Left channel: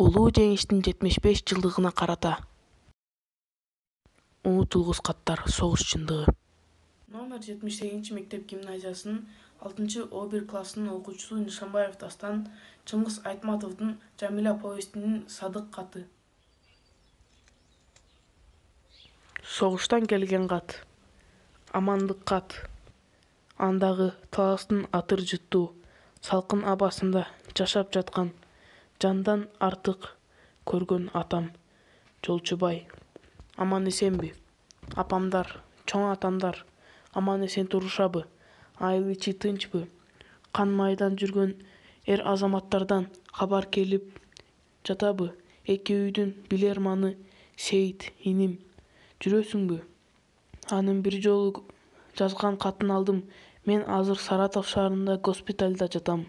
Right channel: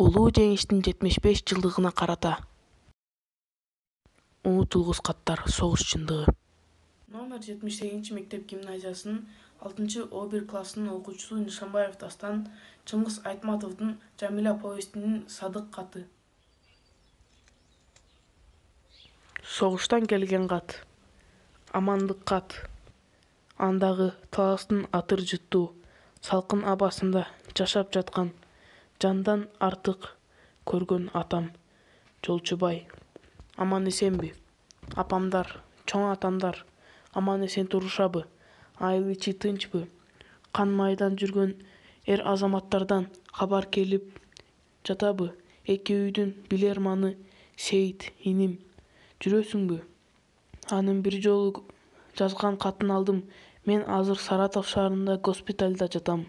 Улуу жеңиштин 75 жылдыгына карата унутулгус каттар согуш чындыгы. Номер 78 мектеп гимназиясынын 6-1 классынын окуучусу Нишанбаев Дастан Чыңгыз Айтматовдун Жамиля повестинин Садык каты. Согуштан келген кат. Амандык кат. Андагы таластын атыр жыттуу салкын абасында жашап жаткан жандан артык көргөн атам Жолчубай. Аман эсенби? Апамдар, чоң атамдар аман эсен турушабы? Айыл ичи тынчпы? Кан майдан жүргөн эр азаматтардан кабар келип жатабы? Эки үйдүн билерманы Сейит иним, жүрөсүңбү? Анын бир жолу жазган катын алдым. Мен азыр Саратов шаарында госпитальда жатам.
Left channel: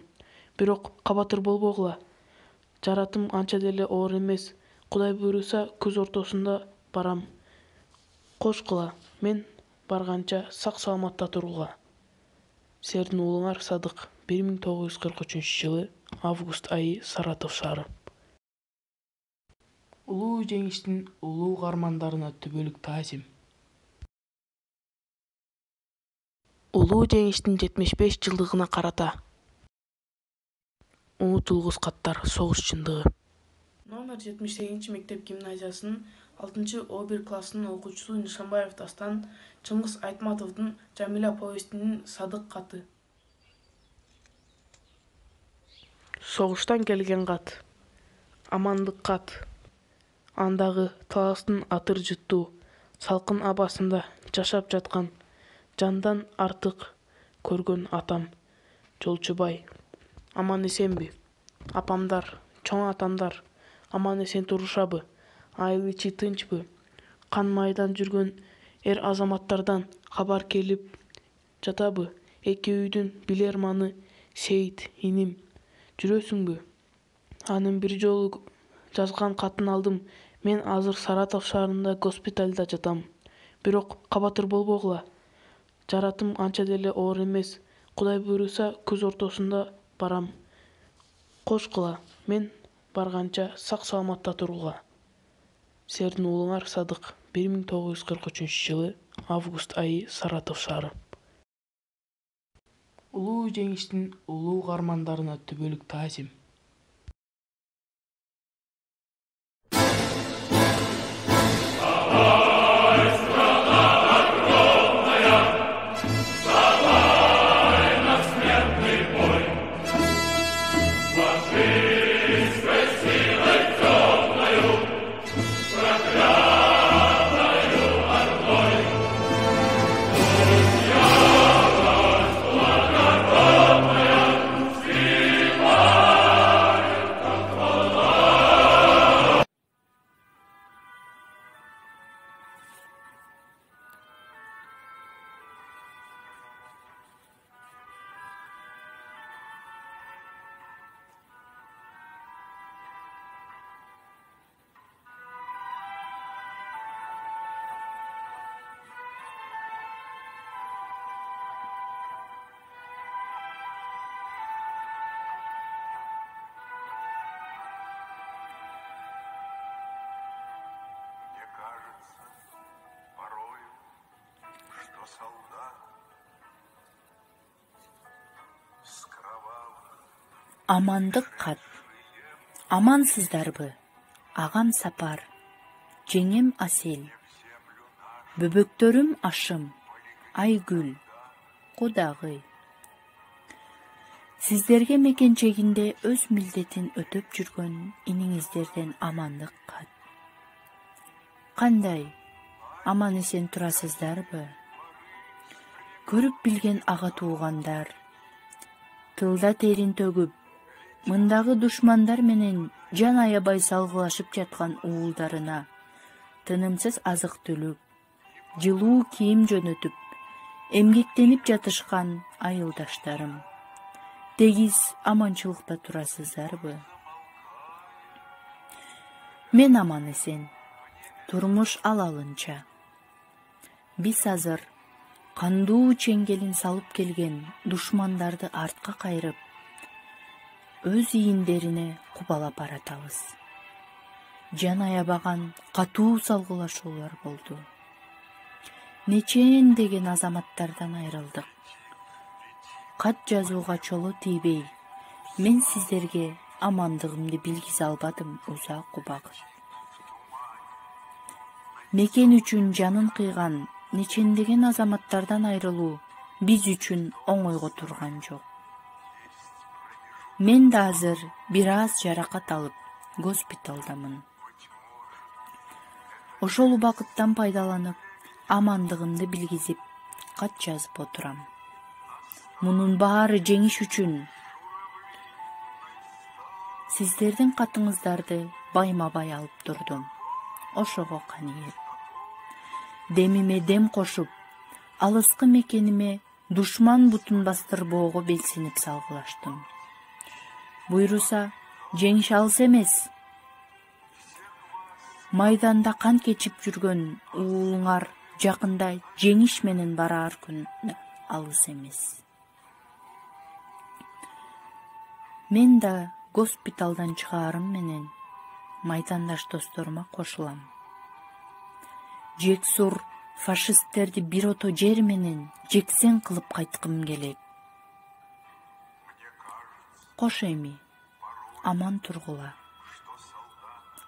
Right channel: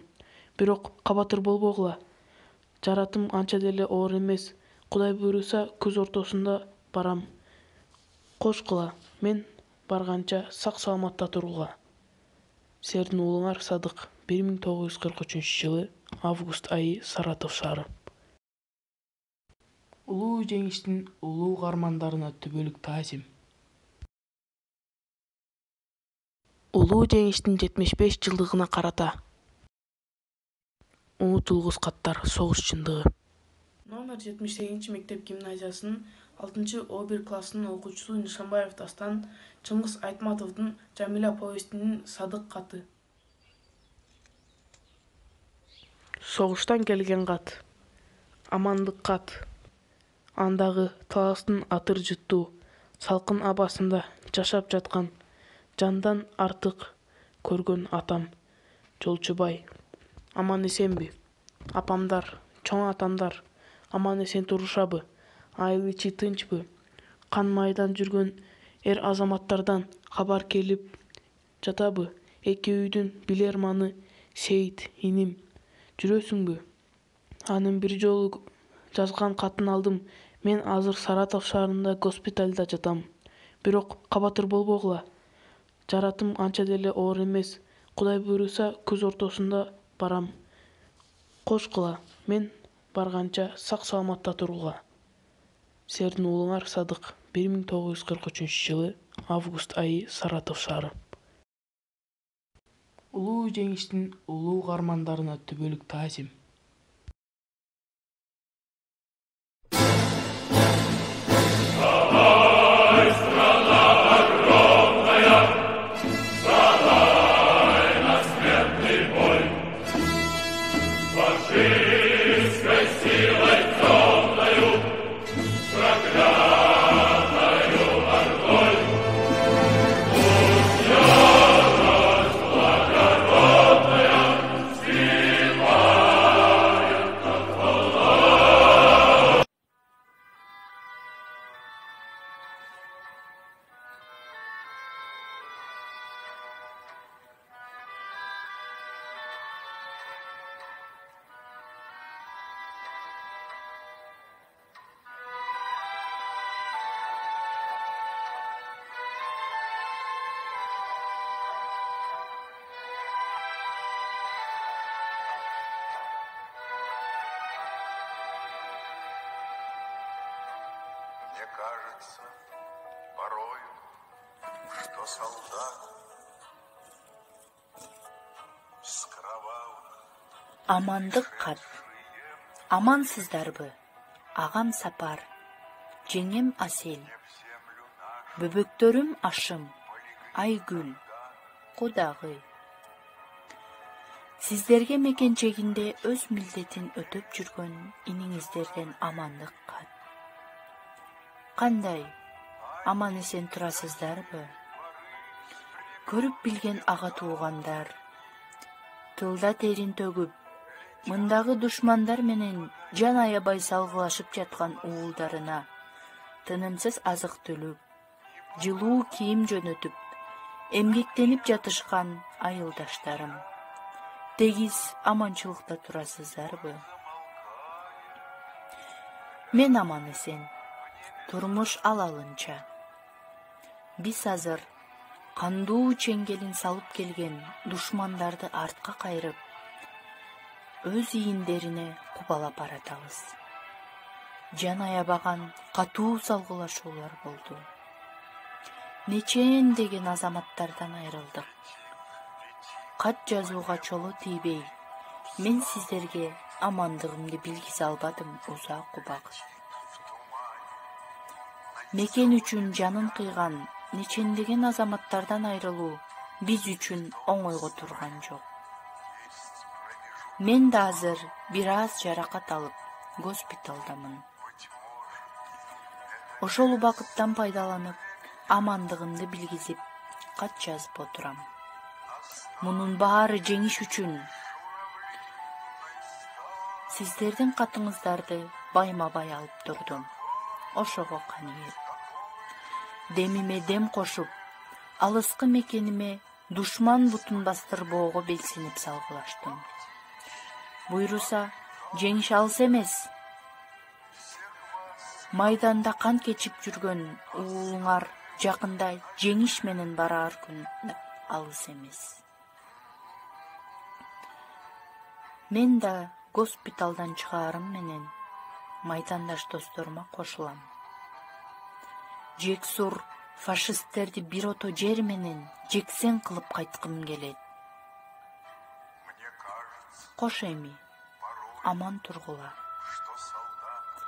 Бирок кабатыр болбогула. Жаратым анча деле оор эмес. Кудай буйруса күз ортосунда барам. Кошкула, мен барганча сак-саламатта тургула. Силердин уулуңар Садык. 1943-жылы август айы, Саратов шаары. Улуу жеңиштин улуу каармандарына түбөлүк таазим. Улуу жеңиштин 75 жылдыгына карата унутулгус каттар согуш чындыгы. Номер 78 мектеп гимназиясынын 6-1 классынын окуучусу Нишанбаев Дастан Чыңгыз Айтматовдун Жамиля повестинин Садык каты. Согуштан келген кат. Амандык кат. Андагы таластын атыр жыттуу салкын абасында жашап жаткан жандан артык көргөн атам Жолчубай. Аман эсенби? Апамдар, чоң атамдар аман эсен турушабы? Айыл ичи тынчпы? Кан майдан жүргөн эр азаматтардан кабар келип жатабы? Эки үйдүн билерманы Сейит иним, жүрөсүңбү? Анын бир жолу жазган катын алдым. Мен азыр Саратов шаарында госпитальда жатам. Бирок кабатыр болбогула. Жаратым анча деле оор эмес. Кудай буйруса күз ортосунда барам. Кошкула, мен барганча сак-саламатта тургула. Силердин уулуңар Садык. 1943-жылы август айы, Саратов шаары. Улуу жеңиштин улуу каармандарына түбөлүк таазим. Мне кажется порою, что солдат скрывал. Амандык кат. Амансыздарбы? Агам Сапар, жеңем Асел, бөбөктөрүм Ашым, Айгүл, Кудагый. Сиздерге мекенчегинде өз милдетин өтөп жүргөн иниңиздерден амандык кат. Кандай? Аман эсен турасыздарбы? Көрүп билген ага туугандар, тылда терин төгүп, мындагы душмандар менен жан аябай салгылашып жаткан уулдарына тынымсыз азык төлөп, жылуу кийим жөнөтүп, эмгектенип жатышкан айылдаштарым, тегиз аманчылыкта турасыздарбы? Мен аман эсен, турмуш алалынча. Биз азыр кандуу чеңгелин салып келген душмандарды артка кайрып, өз ийиндерине кубалап баратабыз. жан аябаган катуу салгылашуулар болду. Нечендеген азаматтардан айрылдык. Кат жазууга чоло тийбей, мен сиздерге амандыгымды билгизе албадым узак убакыт. Мекен үчүн жанын кыйган нечендеген азаматтардан айрылуу биз үчүн оңойго турган жок. Мен да азыр бир аз жаракат алып госпиталдамын. Ошол убакыттан пайдаланып, амандыгымды билгизип, кат жазып отурам. Мунун баары жеңиш үчүн сиздердин катыңыздарды байма-бай алып турдум. Ошого каниет. Демиме дем кошуп, алыскы мекениме душман бутун бастырбоого белсинип салгылаштым. Буйруса, жеңиш алыс эмес. Майданда кан кечип жүргөн уулуңар жакында жеңиш менен барар күн алыс эмес. Мен да госпиталдан чыгаарым менен майдандаш досторума кошулам. Жексур фашисттерди бир ото жер менен жексен кылып кайткым келет. Кош эми, аман тургула.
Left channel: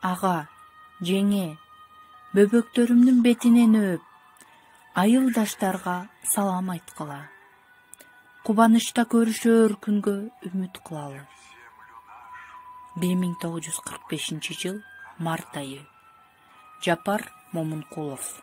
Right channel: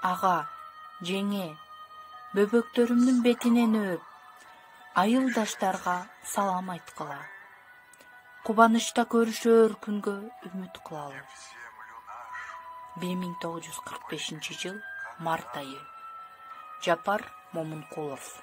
Ага, жеңе, бөбөктөрүмдүн бетинен өп, айылдаштарга салам айткыла. Кубанычта көрүшөр күнгө үмүт кылалы. 1945 жыл март айы. Жапар Момункулов.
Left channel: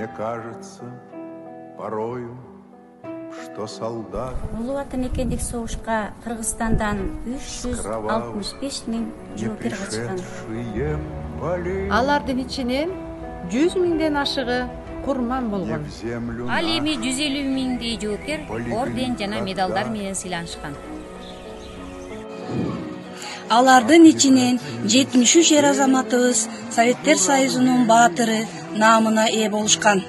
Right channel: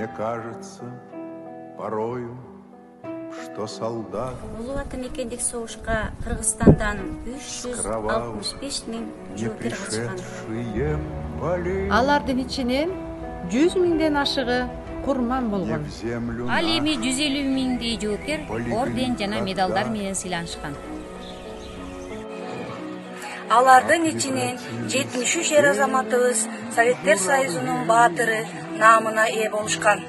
Мне кажется порою, что солдат Улуу ата мекендик согушка Кыргызстандан 365 миң не жоокер катышкан. пришедшие полей Алардын ичинен 100 миңден ашыгы курман не болгон. в землю Ал эми нашу. 150 миңдей жоокер орден жана медалдар менен сыйланышкан. Алардын ичинен 73 эр азаматыбыз Советтер Союзунун баатыры наамына ээ болушкан.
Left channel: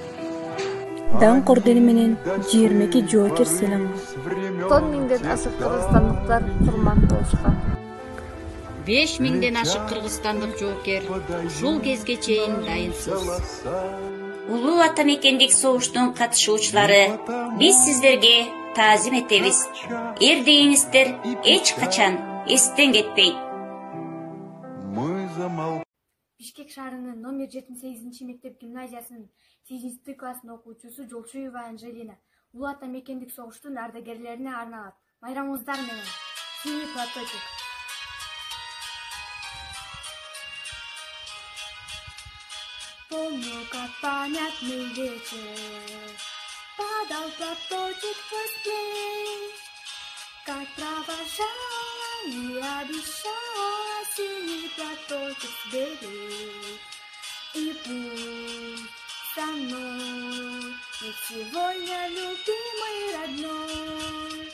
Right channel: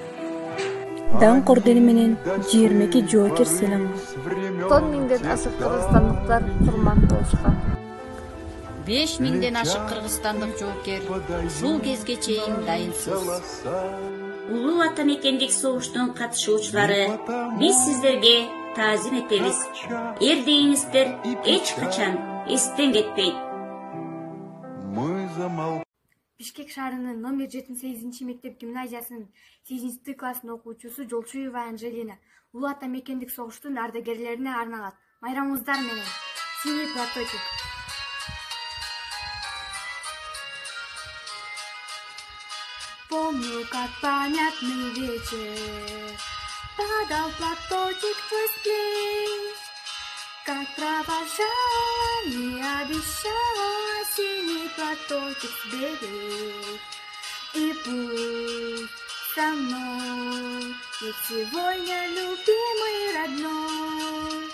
Даңк ордени менен 22 жоокер сыйланган. С времен 10 миңден ашык кыргызстандыктар курман болушкан. 5 миңден ашык кыргызстандык жоокер ушул кезге чейин дайынсыз. голоса. Улуу ата мекендик согуштун катышуучулары, биз сиздерге таазим этебиз. Эрдегиңиздер эч качан эстен кетпейт. Мы замолчали. Бишкек шаарынын номер 78 мектеп гимназиясынын 8 класстын окуучусу Жолчуева Анжелина улуу ата мекендик согуштун ардагерлерине арналат майрамыңыздар менен. Синий платочек. Помню, как памятный вечер падал платочек твой с плеч, как провожала и обещала синий платочек сберечь. И пусть со мной ведь сегодня любимый родной,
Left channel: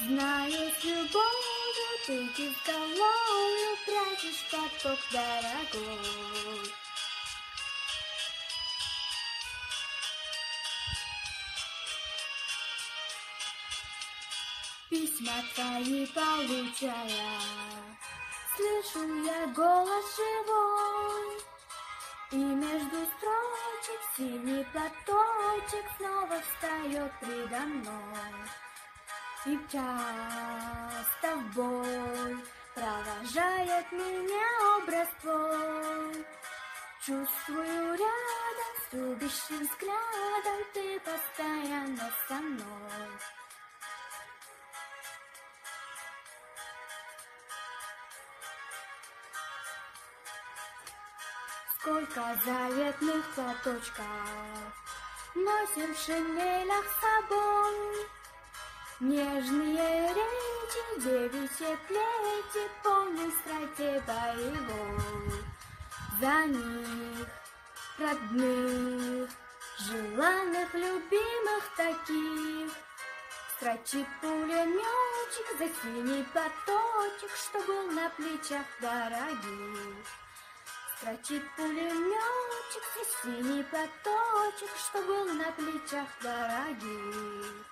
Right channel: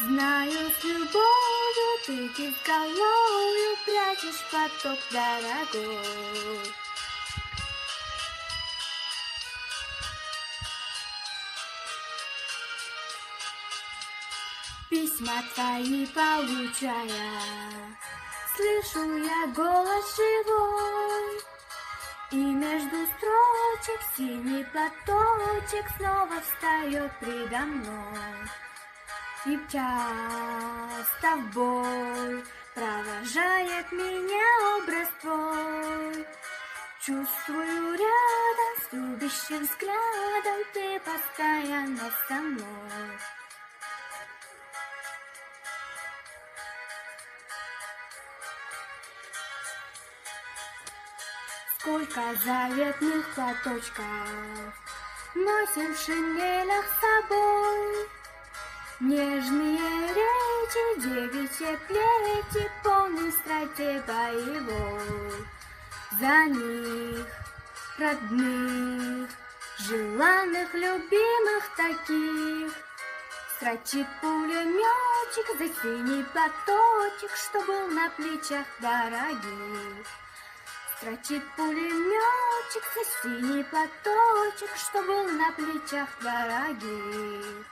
знаю, с любовью ты изголовью прячешь платок дорогой. письма твои получая, слышу я голос живой, и между строчек синий платочек снова встает предо мной. И часто в боль провожает меня образ твой. Чувствую рядом с любящим взглядом, ты постоянно со мной. Сколько заветных платочков носим в шинелях с собой. Нежные речи, девичьи плети, полны страсти боевой. За них, родных, желанных, любимых таких, строчит пулеметчик за синий платочек, что был на плечах дорогих. Строчит пулеметчик за синий платочек, что был на плечах дорогих.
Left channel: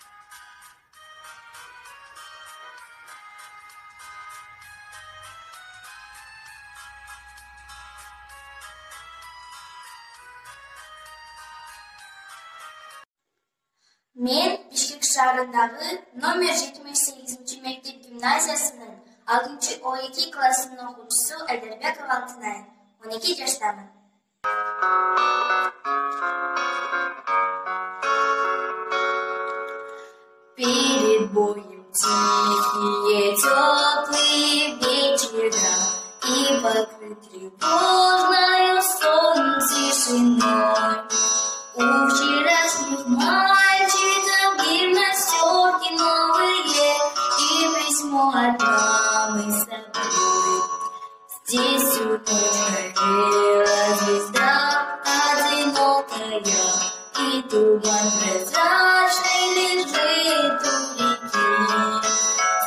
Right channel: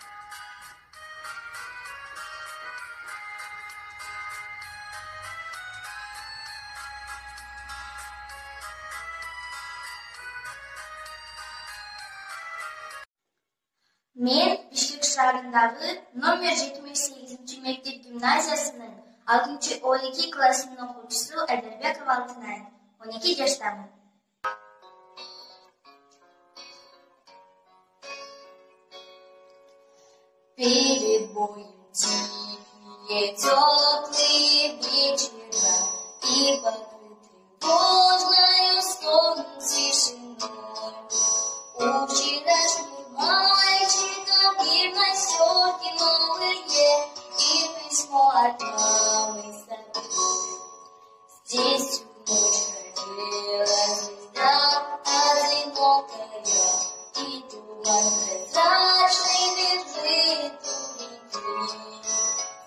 Мен Бишкек шаарындагы номер 78 мектеп гимназиясынын 6-12 классынын окуучусу Айдарбекова Алтынай. 12 жаштамын. Перед боем тихие, теплые вечера, и покрыт тревожною сон тишиной. У вчерашних мальчиков гимнастерки новые и письмо от мамы с собой. Здесь всю ночь горела звезда одинокая, и туман прозрачный лежит у реки.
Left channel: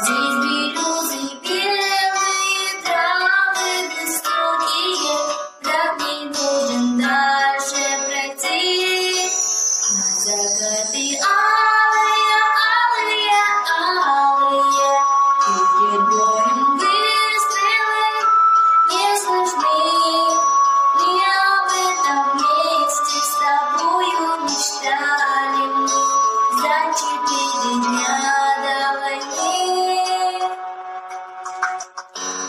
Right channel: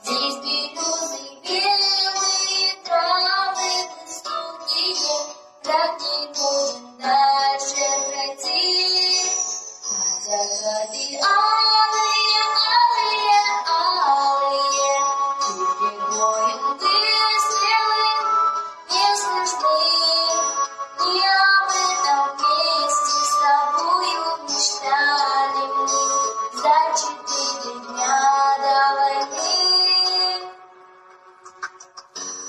Здесь березы белые, травы высокие, враг не должен дальше пройти. На закаты алые, алые, алые, перед боем выстрелы не слышны. Не об этом вместе с тобою мечтали мы за 4 дня до войны.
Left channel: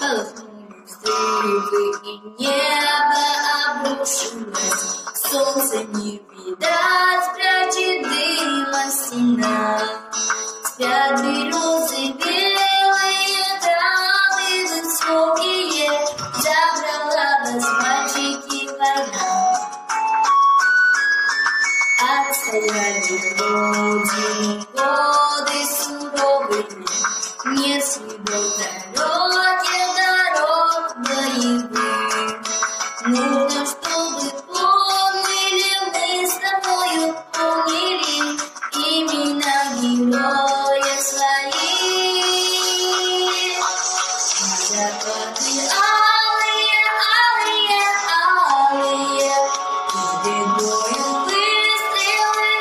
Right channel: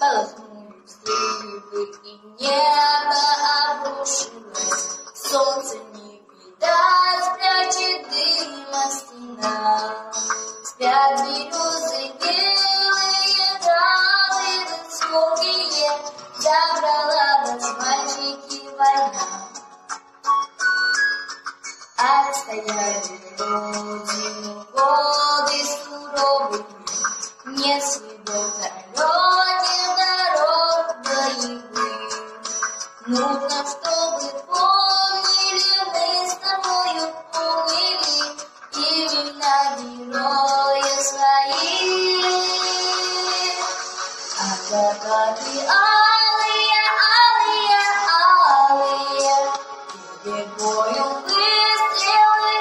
Полыхнули взрывы, и небо обрушилось. Солнце не видать, прячет дым от стена. Спят березы белые, травы высокие, забрала вас, мальчики, война. Отстояли родину годы суровые, нет следов далеких дорог боевых. Нужно, чтобы помнили мы с тобою, помнили имена героев своих. А закаты алые, алые, алые, перед боем выстрелы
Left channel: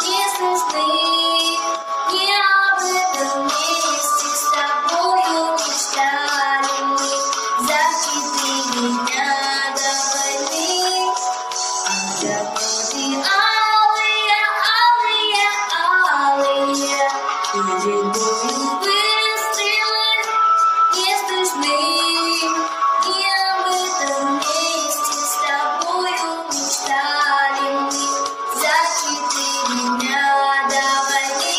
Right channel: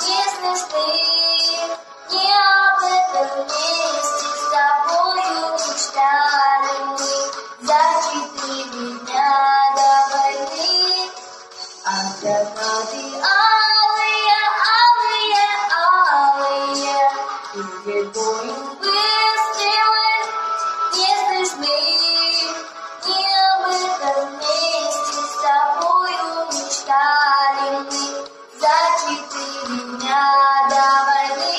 не слышны. Не об этом вместе с тобою мечтали мы за 4 дня до войны. А закаты алые, алые, алые, перед боем выстрелы не слышны. Не об этом вместе с тобою мечтали мы за 4 дня до войны.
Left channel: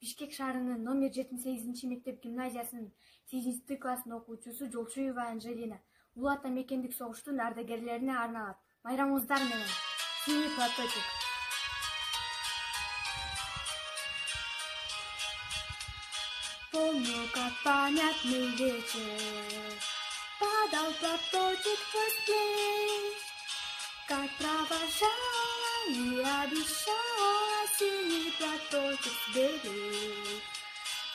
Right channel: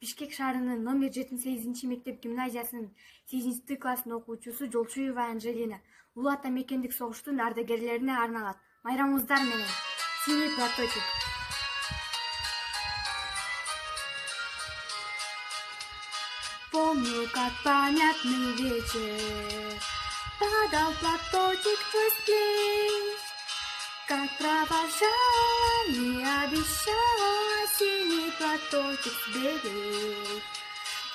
Бишкек шаарынын номер 78 мектеп гимназиясынын 8 класстын окуучусу Жолчуева Анжелина Улуу Ата мекендик согуштун ардагерлерине арналат. Майрамыңыздар менен. Синий платочек. Помню, как памятный вечер падал платочек твой с плеч, как провожала и обещала синий платочек сберечь.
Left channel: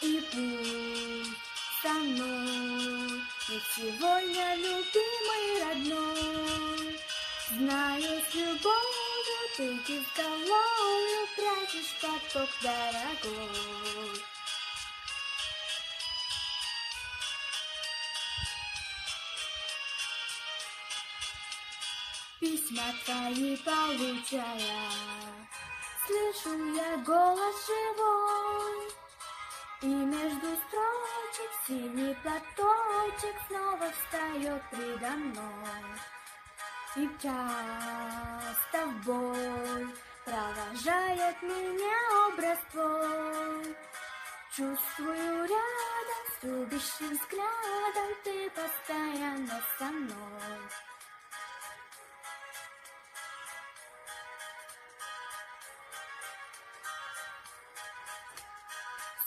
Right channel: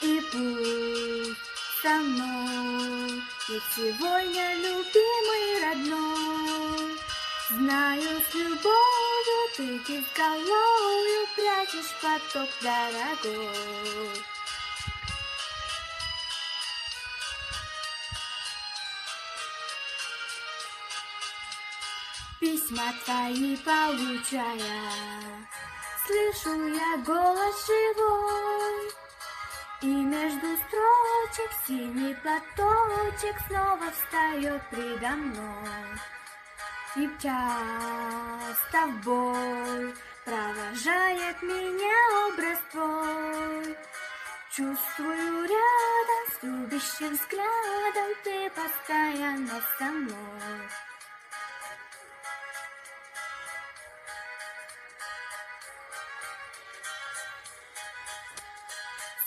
И пусть со мной Ведь сегодня любимый родной, знаю, с любовью ты безголовью прячешь поток дорогой. Письма твои получая, слышу я голос живой, и между строчек синий платочек снова встает предо мной. И часто в бой провожает меня образ твой. Чувствую рядом с любящим взглядом, ты постоянно со мной.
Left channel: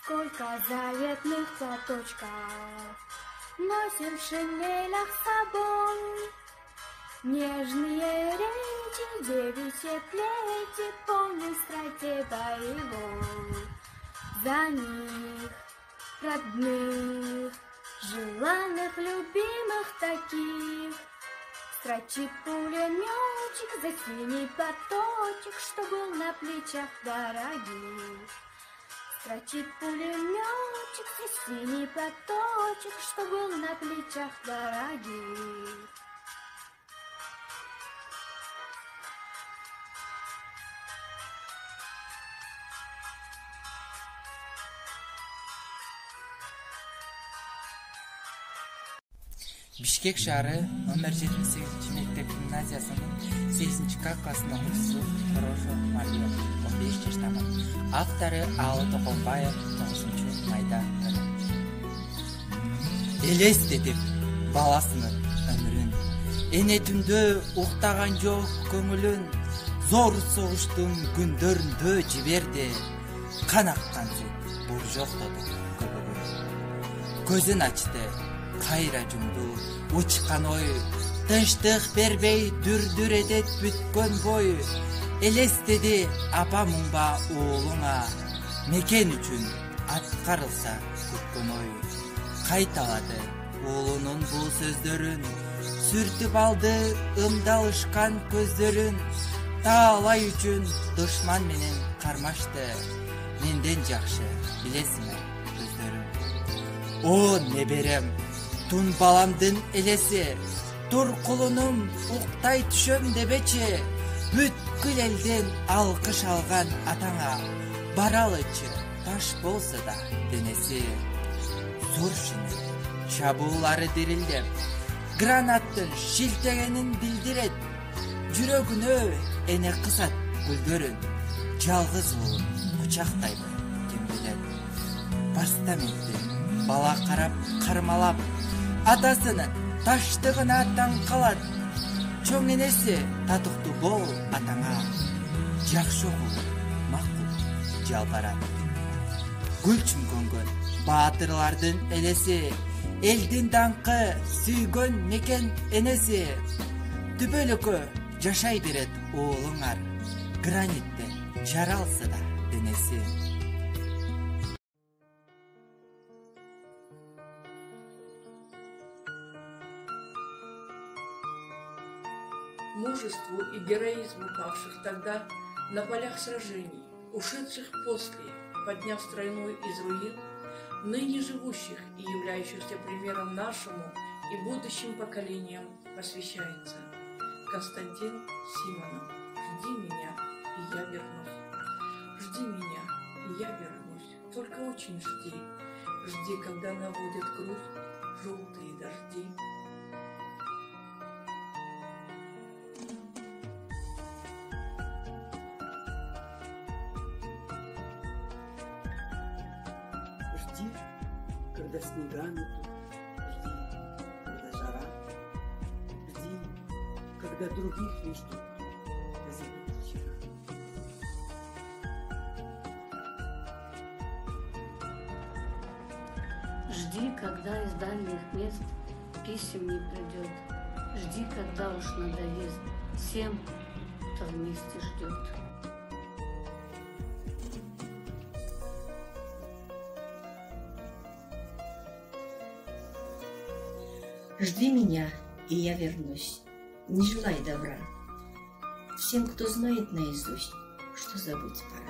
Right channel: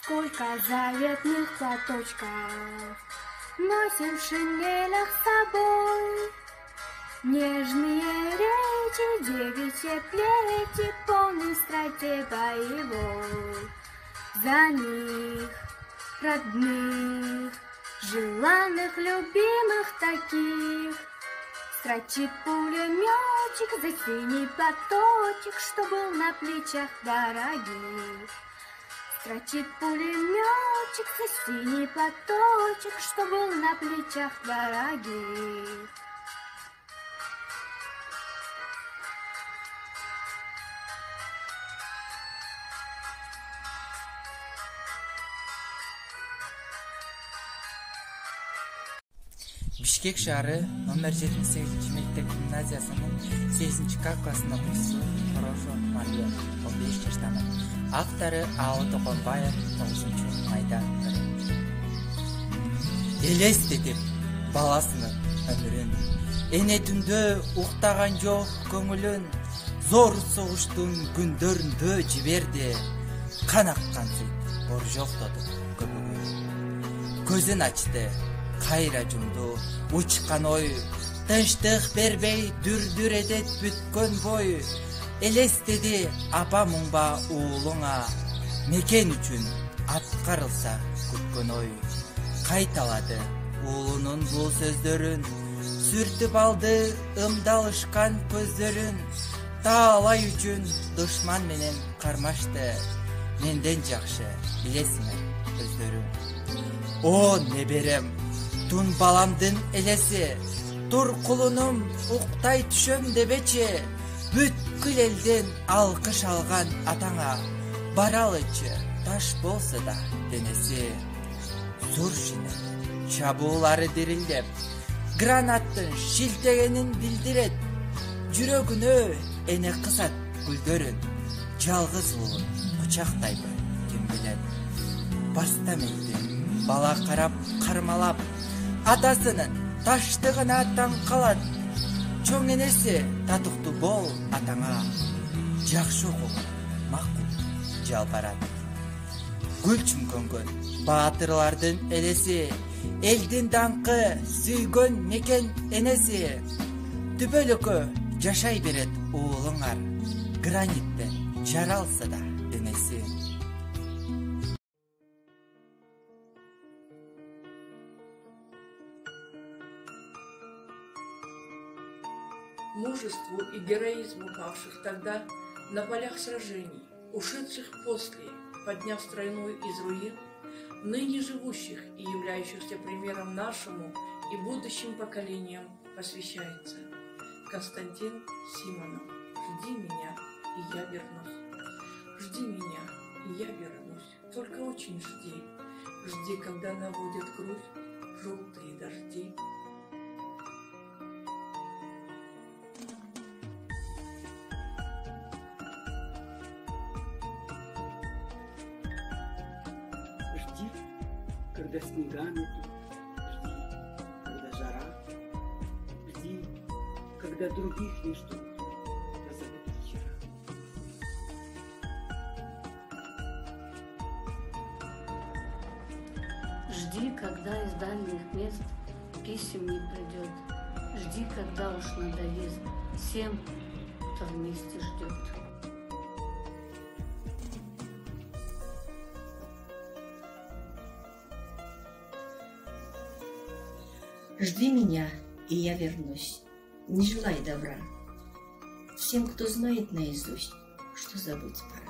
Сколько заветных платочков носим в шинелях с собой. Нежные речи, девичьи плети, полны страсти боевой. За них, родных, желанных, любимых таких, строчит пулеметчик за синий платочек, что был на плечах дорогих. Строчит пулеметчик за синий платочек, что был на плечах дорогих. Бишкек шаары номер 78 мектеп гимназиясынын 8-К классынын окуучусу Хорошо Мария 15 жаштамын. Автору Ао Токонбаев 9-майда өлөт. Элестетип баласынын өмүрүн, эне түндө уктаган жок көңүлүн, зор согуштун күндөрүндө жиберди, кан аккан сүт боржоктоду көбөгүн. Көзүн ачты, кайра жумду, учкан ой, тынчтык бербей дүрдүр эдет бүткөн бой. Элестеди апа муңба уулуңа, мекен үчүн аткарылса күткөн ой. Кайталады уулунун бул сөздөрүн, сүртүп алды ымдалышкан көздөрүн. Таалай үчүн душман менен кармашты, менден жакшы билесиңер көздөрүн. О неберем, тун баламдын элеси, тур кулунум уктай түшөм дебечи, бүткүл элден алкыш алган атаңа, баралычы таш болсо да денеси. Зур шинелер чабуулары дирилдеп, гранаттын шилтегенин билдирет, жүрөгүнө эне кысат гүлдөрүн, жалгыз уулун кучактайды түндүнөп. Постаменттен бала карап кармалап, атасынын таштыгына таң калат. Чоң энеси татыктуу бол атаңа, жакшы окугу макул жалбарат. Гүл чүңкөнгөн баатырлардын элеси, элдин даңкы сүйгөн мекен энеси. Түбөлүккө жашай берет уулуңар, граниттен жаралса да денеси. Мужеству и героизму павших тогда на полях сражений, ушедших после, подняв страну из руин, ныне живущих и являющихся примером нашему и будущим поколениям посвящается. Константин Симонов. Жди меня, и я вернусь. Жди меня, и я вернусь. Только очень жди. Жди, когда наводят грусть желтые дожди. Жди, когда снега метут, жди, когда жара, жди, когда других не ждут, позабыты вчера. Жди, когда из дальних мест писем не придет. Жди, когда уж надоест всем, кто вместе ждет. Жди меня, и я вернусь. Не желай добра всем, кто знает наизусть, что забыть пора.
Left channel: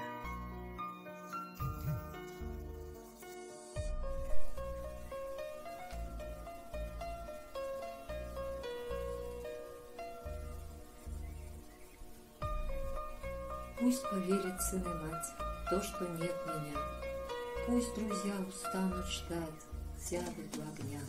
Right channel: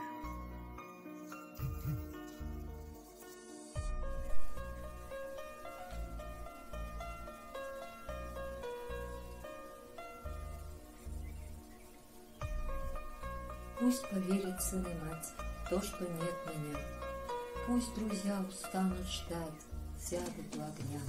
Пусть поверят сын и мать в то, что нет меня. Пусть друзья устанут ждать, сядут у огня.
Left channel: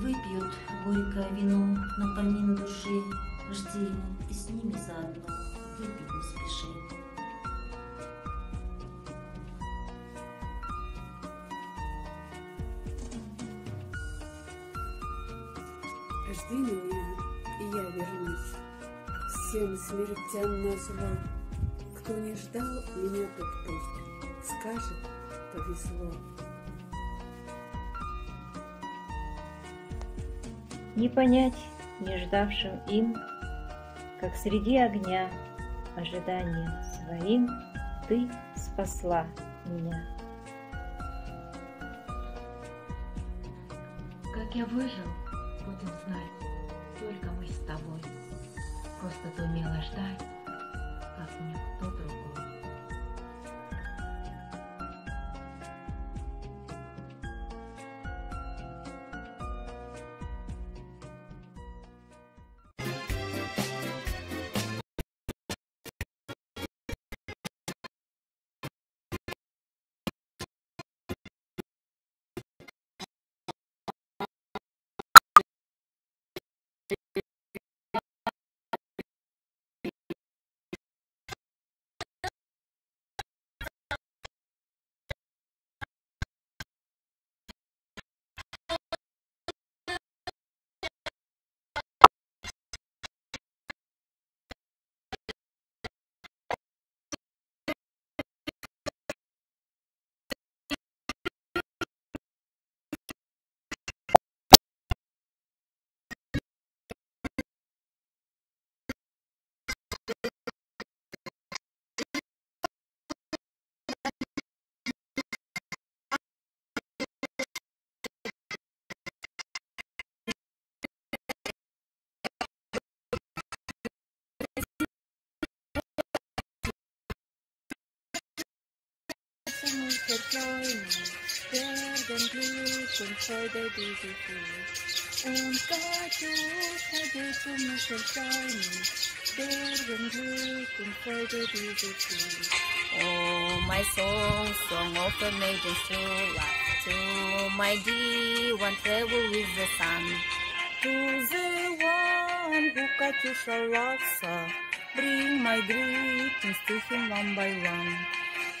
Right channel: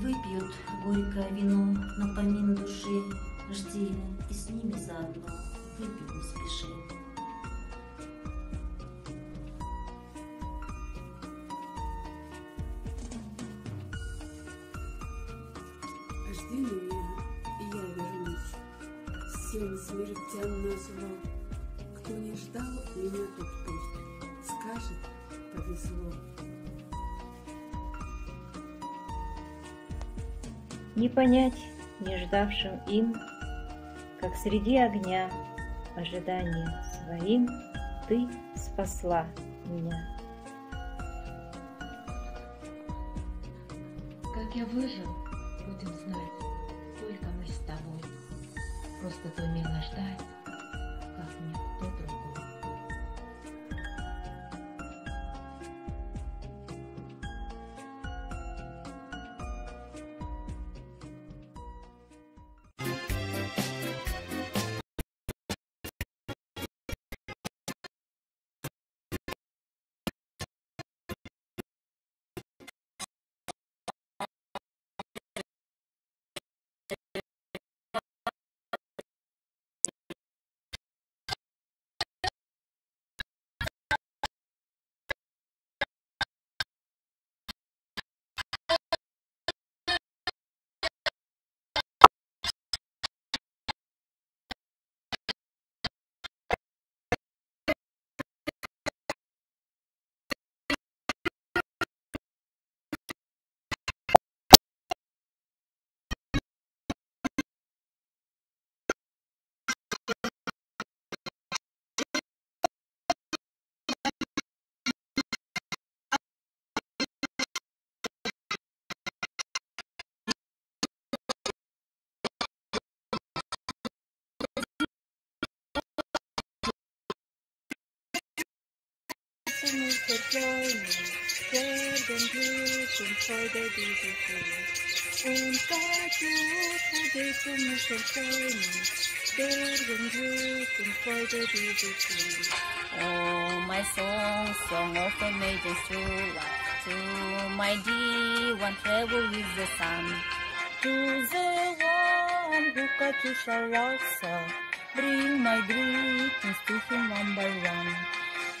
Выпьют горькое вино на помин души, жди, и с ними заодно выпить не спеши. Жди меня, и я вернусь. Всем смертям назло. Кто не ждал меня, тот пусть скажет, повезло. Не понять не ждавшим им, как среди огня ожиданием своим ты спасла меня. Как я выжил, будем знать, только мы с тобой. Просто ты умела ждать, как никто другой. werden Glück und Freude diese Welt. Und Gott vergeht mich erfreuen, werden Glück und Freude diese Welt. Oh, my song, song of a maiden true love, to my dear one travel with the sun, to the one who catches a laksa, bring my greetings to him one by one.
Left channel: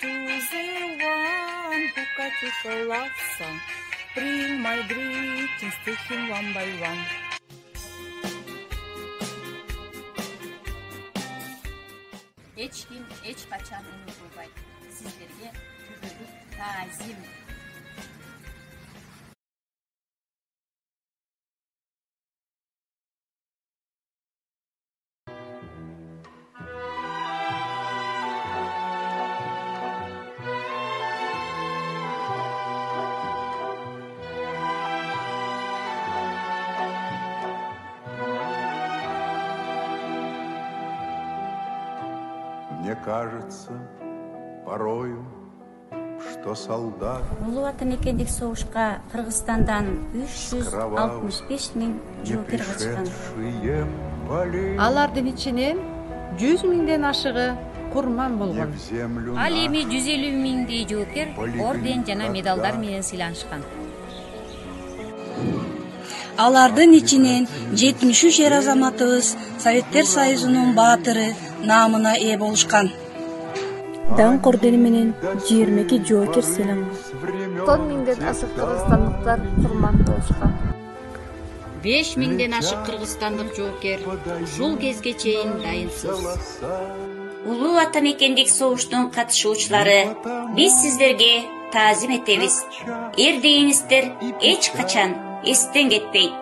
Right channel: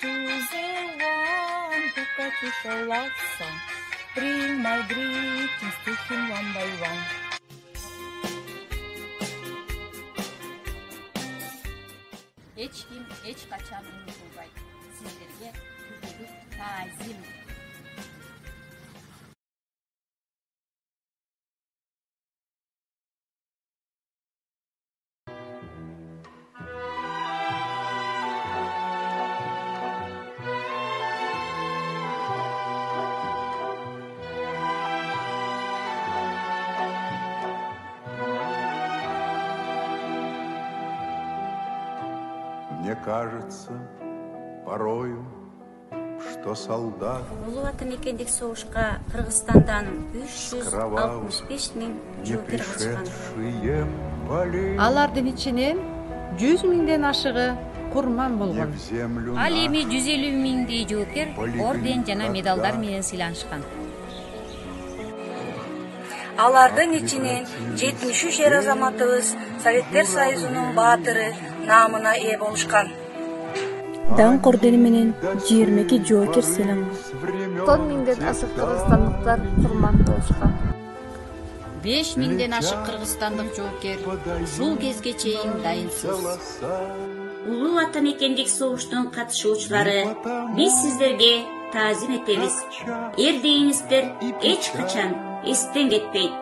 To the one who catches a laksa, bring my greetings to him one by one. Hiç kim, hiç kaçan unutulmayın. Sizlerge türlülük tazim. Мне кажется порою, что солдат Улуу ата мекендик согушка Кыргызстандан 365 миң жоокер катышкан. Алардын ичинен 100 миңден ашыгы курман болгон. Ал эми 150 миңдей жоокер орден жана медалдар менен сыйланышкан. Алардын ичинен 73 эр азаматыбыз Советтер Союзунун баатыры наамына ээ болушкан. Даңк ордени менен 22 жоокер сыйланган. 10 миңден ашык кыргызстандыктар курман болушкан. 5 миңден ашык кыргызстандык жоокер ушул кезге чейин дайынсыз. Улуу ата мекендик согуштун катышуучулары, биз сиздерге таазим этебиз. Эрдейиңиздер эч качан эстен кетпейт.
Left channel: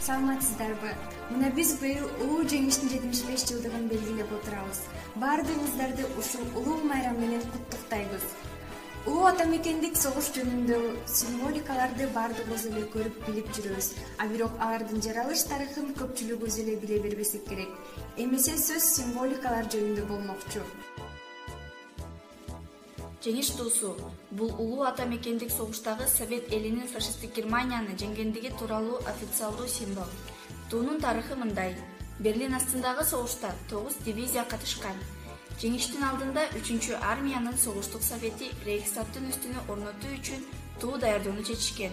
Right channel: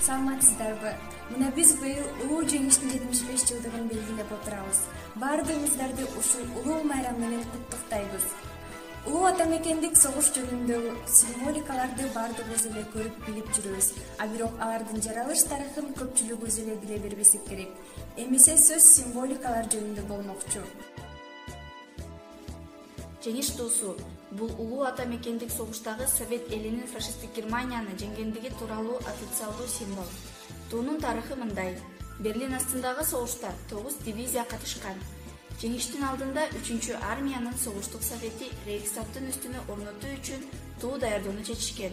Саламатсыздарбы? Мына биз быйыл улуу жеңиштин 75 жылдыгын белгилеп отурабыз. Баардыгыңыздарды ушул улуу майрам менен куттуктайбыз. Улуу ата мекендик согуш жөнүндөгү символикаларды баардыгыбыз эле көрүп билип жүрөбүз. А бирок алардын жаралыш тарыхын көпчүлүгүбүз эле биле бербесек керек. Эмесе сөз символикалар жөнүндө болмокчу. Жеңиш туусу бул улуу ата мекендик согуштагы Совет элинин фашисттик Германияны жеңгендиги тууралуу официалдуу символ. Туунун тарыхы мындай. Берлин астындагы согушта 9 дивизия катышкан. Жеңиштин алдында 3-чү армиянын согуштук совети Рейхстагтын үстүнө орнотуу үчүн туу даярдоону чечишкен.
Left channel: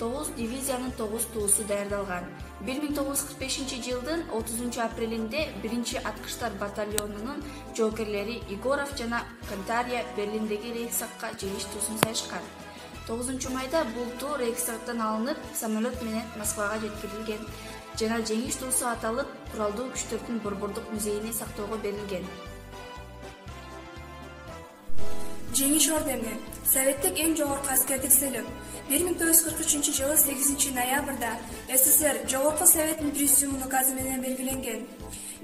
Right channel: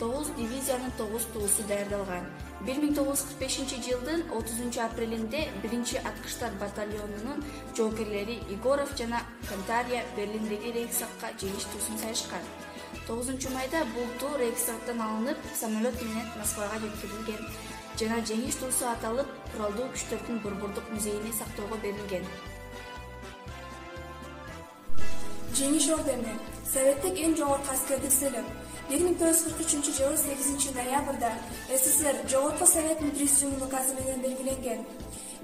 9 дивизиянын 9 туусу даярдалган. 1945 жылдын 30 апрелинде 1-чи аткыштар батальонунун жоокерлери Егоров жана Кантария Берлиндеги Рейхстагга жеңиш туусун сайышкан. 9 майда бул туу Рейхстагтан алынып, самолет менен Москвага жеткирилген жана жеңиш туусу аталып, куралдуу күчтөрдүн Борбордук музейине сактоого берилген. Жеңиш ордени Советтик эң жогорку аскердик сыйлык. 1943 жылы 8 ноябрда СССР Жогорку Советтин президиумунун указы менен белгиленген.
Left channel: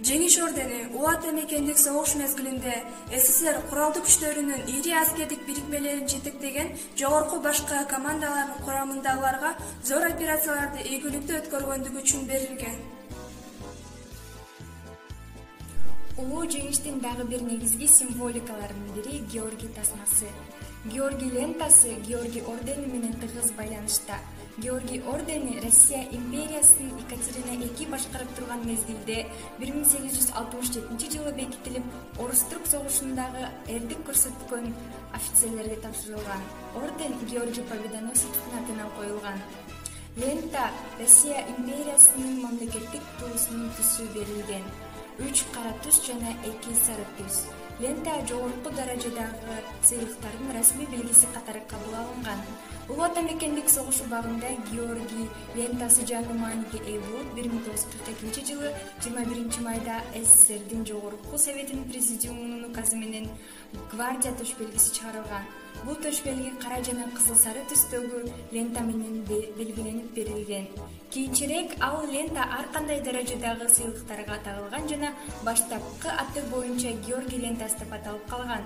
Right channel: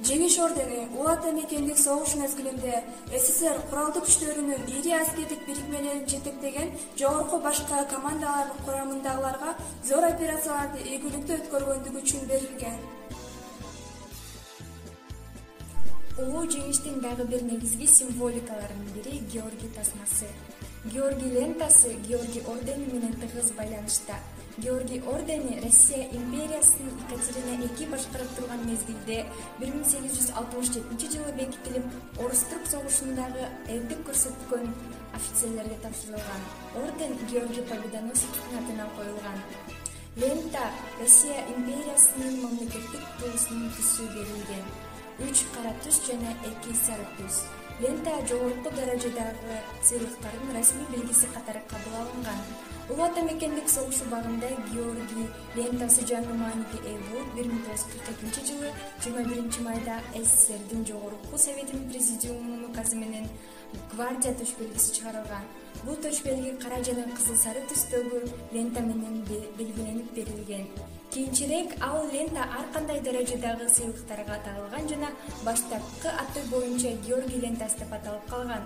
Жеңиш ордени улуу ата мекендик согуш мезгилинде СССР куралдуу күчтөрүнүн ири аскердик бирикмелерин жетектеген жогорку башка командалардын курамындагыларга зор операцияларды ийгиликтүү өткөргөндүгү үчүн берилген. Улуу жеңиштин дагы бир негизги символикаларынын бири Георгий тасмасы. Георгий лентасы Георгий ордени менен тыгыз байланышта. Георгий ордени Россия империясын Екатерина II башкарып турган мезгилде 1867 жылы бекитилип, Орус-Түрк согушундагы эрдик көрсөткөн офицерлерге тапшырылган. Орден Георгий Победоносецтин атына коюлган. Лента Россия империясынын мамлекеттик туусунун түсү берилген. 3 кара түс жана 2 сары түс. Лента жогорку даражадагы сыйлыктардын расмий белгиси катары кабыл алынган. Улуу ата мекендик согуш убагында Георгий лентасы жаңы мааниге ээ болуп, 1942 жылы 21 майда СССРдин Жогорку Советинин президиумунун указы менен гвардия төш белгиси чыгарылган. Бул төш белги кара жана кызыл сары түстөгү лента менен белгиленип берилген. Кийинчерээк ал лента ар кандай даражадагы сыйлыктарга тагылган жана баштапкы аты боюнча Георгий лентасы деп аталып калган.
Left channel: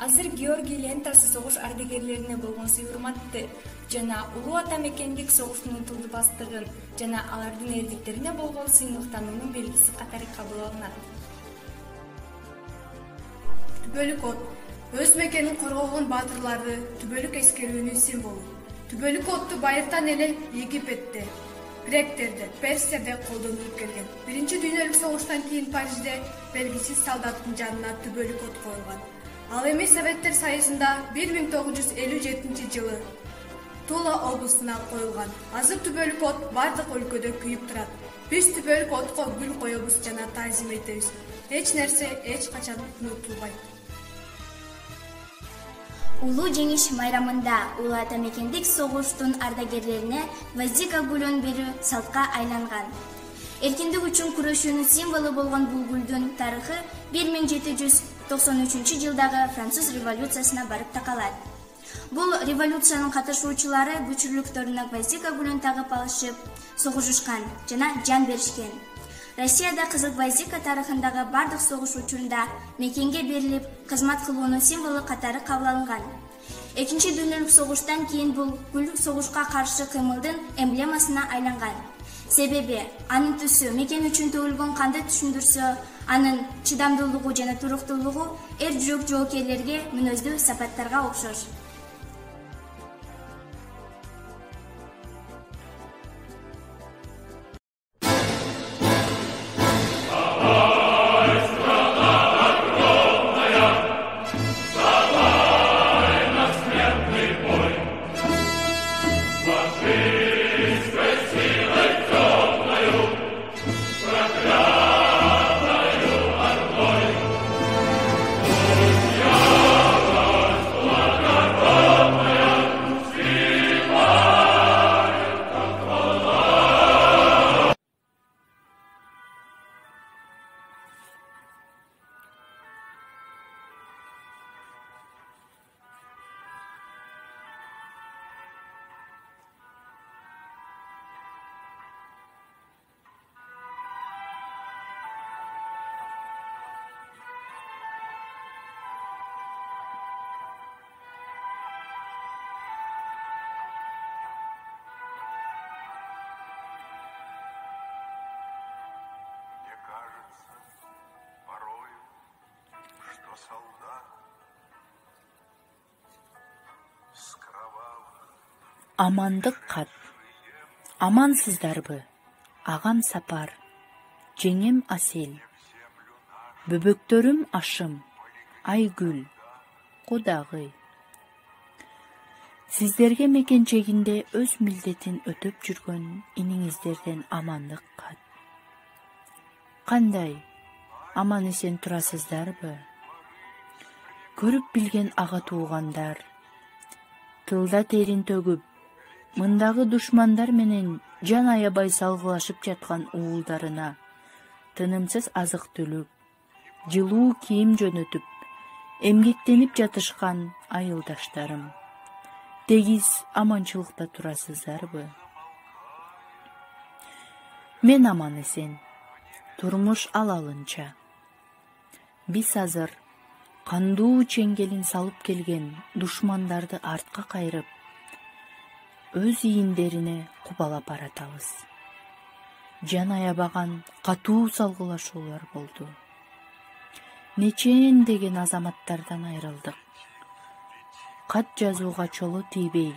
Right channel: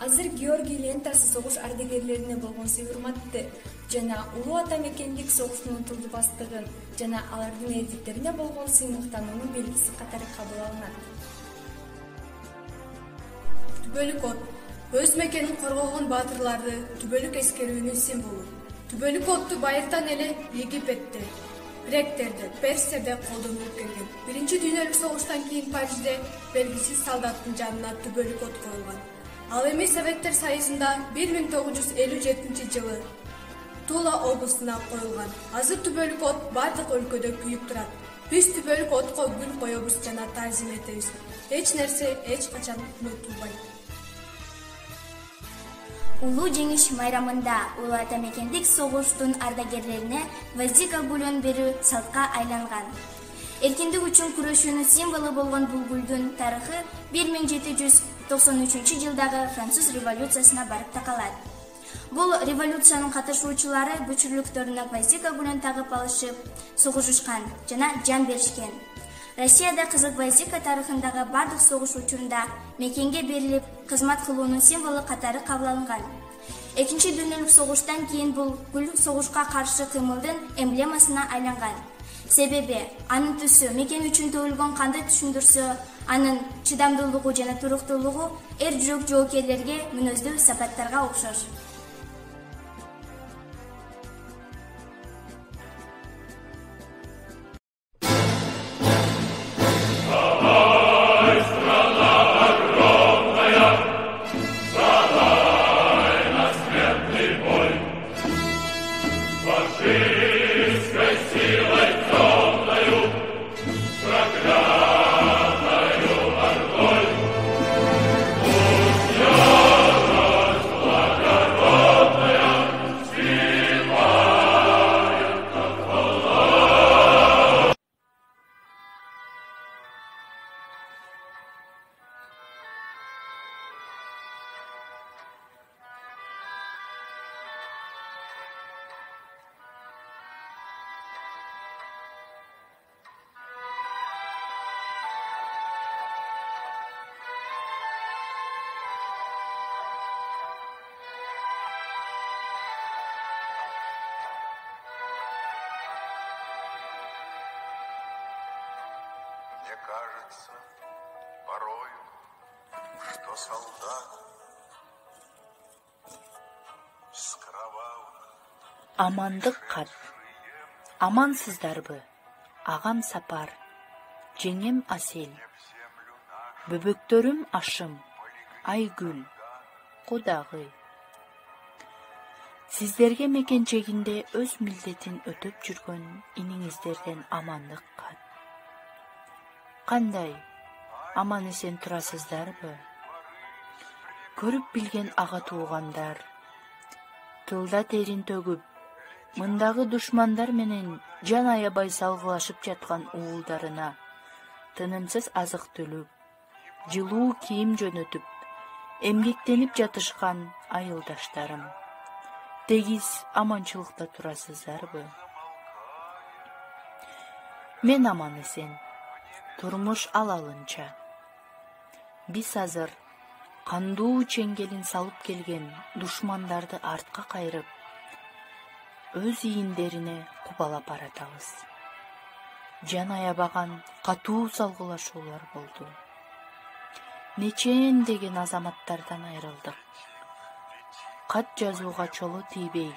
Азыр Георгий лентасы согуш ардагерлерине болгон сый-урматты жана улуу ата мекендик согуштун унутулбастыгын жана алардын эрдиктерине болгон сыймыктануунун белгиси катары кабыл алынат. Түбөлүк от өз мекенин коргогон баатырларды түбөлүк эскерүүнүн символу. Түбөлүк отту байыртан эле Египетте, Гректерде, Персияда колдонулуп келген. Биринчи дүйнөлүк согуштан кийин Парижде белгисиз солдаттын жанына түбөлүк от коюлган. Ал эми Советтер Союзунда 1957 жылы Тула облусуна коюлган. Азыр түбөлүк от бардык өлкөдө күйүп турат. Биз түбөлүк отко гүл коебуз жана таазим этебиз. Эч нерсе эч качан унутулбайт. Улуу жеңиш майрамында улуу ата мекендик согуштун ардагерлерине гвоздика гүлүн берүү салтка айланган. Эркиндик үчүн күрөшүүнүн символу болгон бул гүлдүн тарыхы 1793 жылдагы Француз революциясына барып такалат. Бул революциянын катышуучулары күчүрлүктөрүнө гвоздика гүлүн тагып алышып, согушушкан жана жан беришкен. Россияда кызыл гвоздика тарыхындагы бардык согуш учурунда мекенге берилип, кызмат кылуунун символу катары кабыл алынган. Экинчи дүйнөлүк согуштан кийин бул гүл согушка каршы кыймылдын эмблемасына айланган. Себеби анын түсү мекен үчүн төгүлгөн канды түшүндүрсө, анын чыдамдуулугу жана туруктуулугу эр жүрөк жоокерлерге мүнөздүү сапаттарга окшош. Амандык кат. Амансыздарбы? Агам Сапар, жеңем Асел, бөбөктөрүм Ашым, Айгүл, Кудагый. Сиздерге мекенчегинде өз милдетин өтөп жүргөн иниңиздерден амандык кат. Кандай? Аман эсен турасыздарбы? Көрүп билген ага туугандар, тылда терин төгүп, мындагы душмандар менен жан аябай салгылашып жаткан уулдарына тынымсыз азык түлүк, жылуу кийим жөнөтүп, эмгектенип жатышкан айылдаштарым, тегиз аманчылыкта турасыздарбы? Мен аман эсен, турмуш алалынча. Биз азыр кандуу чеңгелин салып келген душмандарды артка кайрып, өз ийиндерине кубалап баратабыз. Жан аябаган катуу салгылашуулар болду. Нечен деген азаматтардан айрылдык. Кат жазууга чоло тийбей,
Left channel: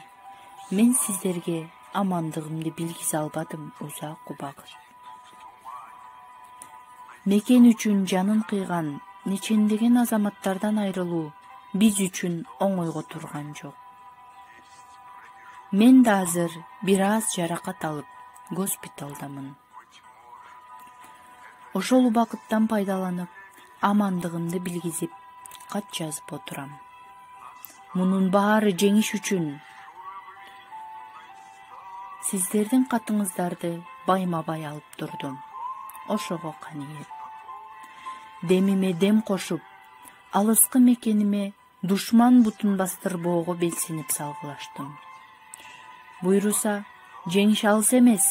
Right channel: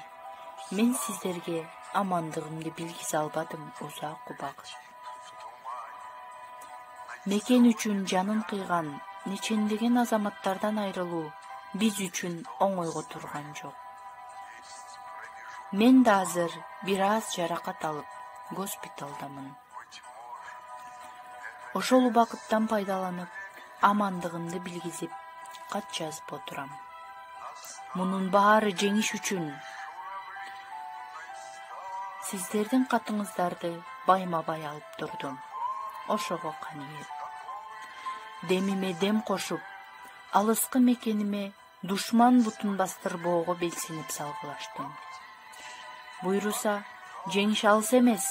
мен сиздерге амандыгымды билгизе албадым узак убакыт. Мекен үчүн жанын кыйган нечендеген азаматтардан айрылуу биз үчүн оңойго турган жок. Мен да азыр бир аз жаракат алып госпиталдамын. Ошол убакыттан пайдаланып, амандыгымды билгизип, кат жазып отурам. Мунун баары жеңиш үчүн сиздердин катыңыздарды байма-бай алып турдум. Ошого каныйып. Демиме дем кошуп, алыскы мекениме душман бутун бастырбоого белсинип салгылаштым. Буйруса, жеңиш алыс эмес.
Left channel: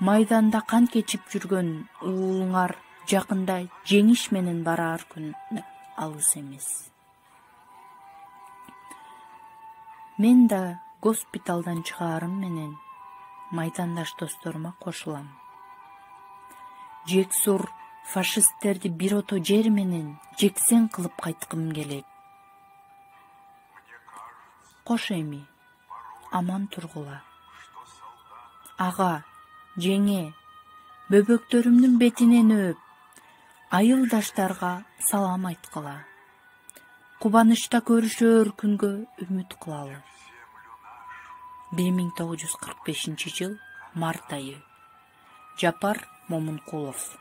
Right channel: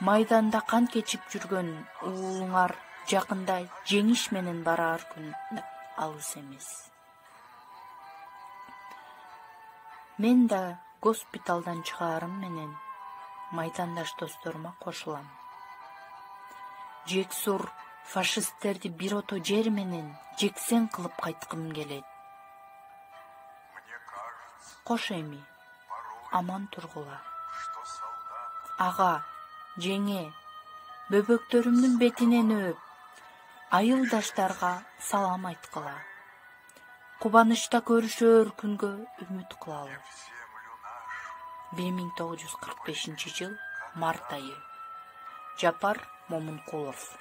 Майданда кан кечип жүргөн уулуңар жакында жеңиш менен бараар күн алыс эмес. Мен да госпиталдан чыгаарым менен майдандаш досторума кошулам. Жексур фашисттерди бир ото жер менен жексен кылып кайткым келет. Кош эми, аман тургула. Ага, жеңе, бөбөктөрүмдүн бетиненөөп, айылдаштарга салам айткыла. Кубанычта көрүшөр күнгө үмүт кылалы. 1945 жыл март айы. Жапар Момункулов.